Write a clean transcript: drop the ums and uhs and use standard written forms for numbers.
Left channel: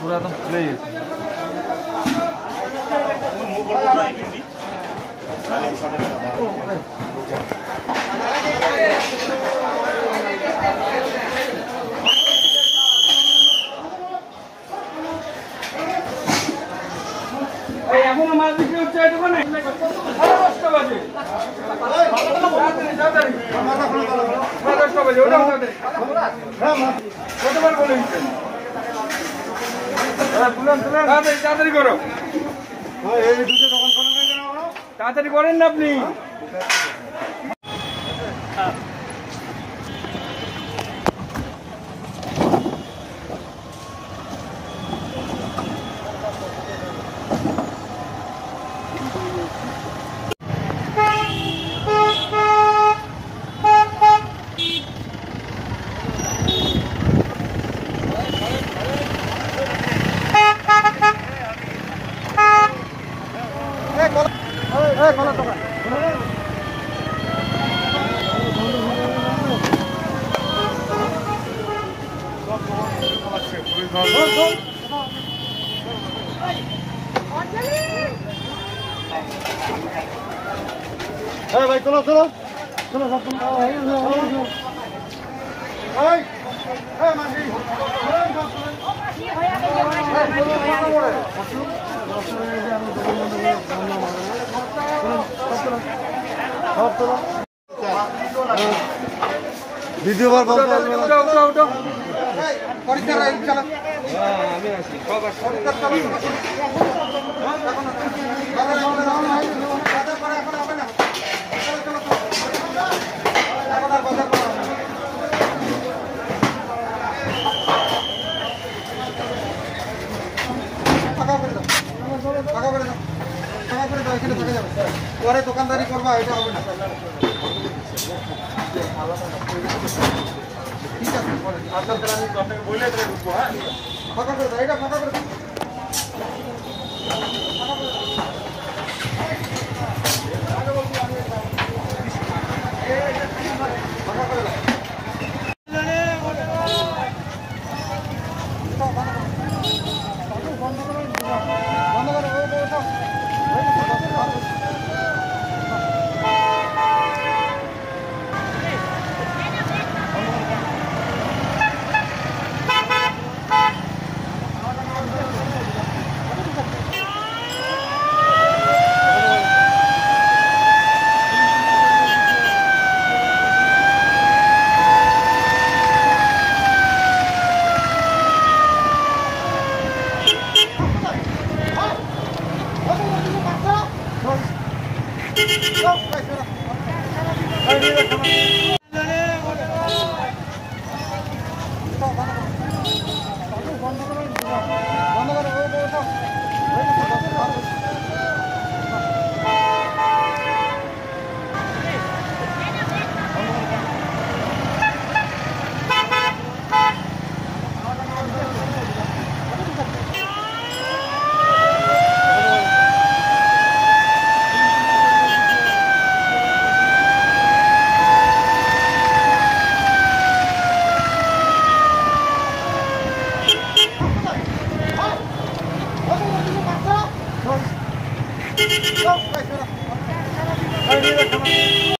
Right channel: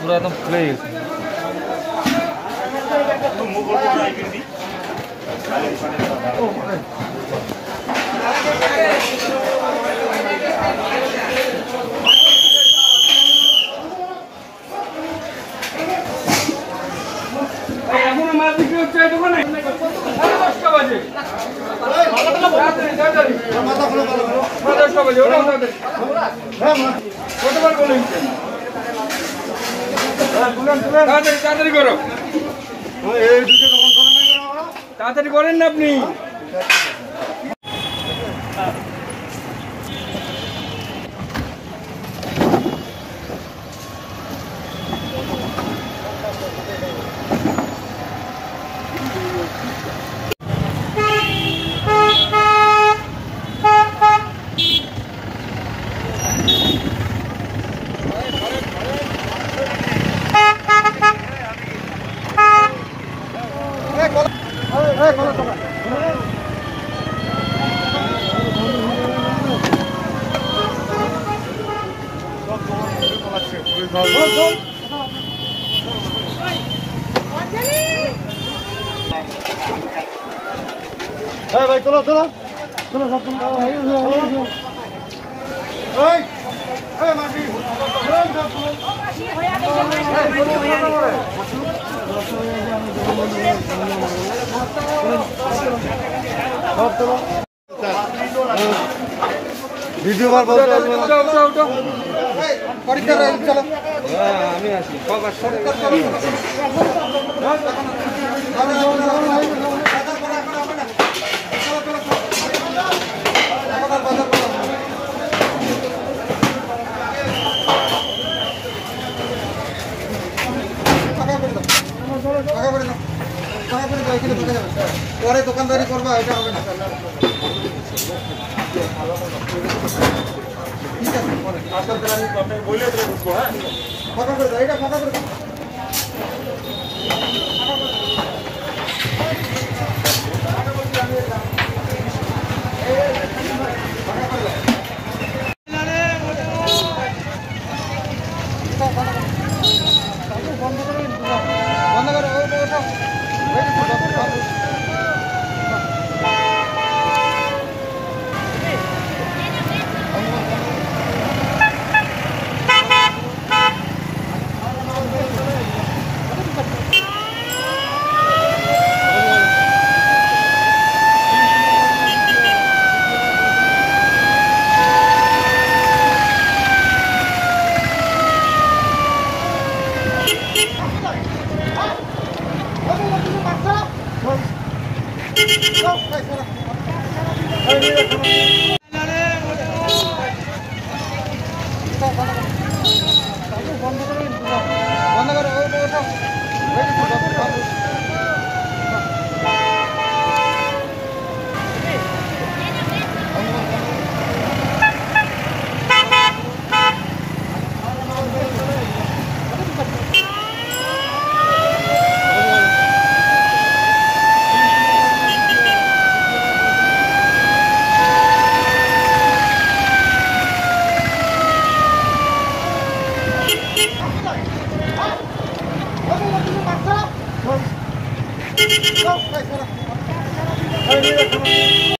पूरा एकदम फुले এখন মাল বিক্রি হচ্ছে এই দোকানে 10টা বাজে তাড়াতাড়ি 10টা বাজে ওটা কতবার বলেন তাড়াতাড়ি করো তাড়াতাড়ি করেন না আপনি ভাই চলো চলো চলো সব ভিডিও আমি পরে দোকানদারি করবা এটা হবে না ঠিক আছে পরে আপনাদের আমি দরকার বলে দেব বুঝবো হ্যাঁ ফাঁকা করে দাও এটা ফাঁকা করে দাও বন্ধ করে ওটা বন্ধ করে ওটা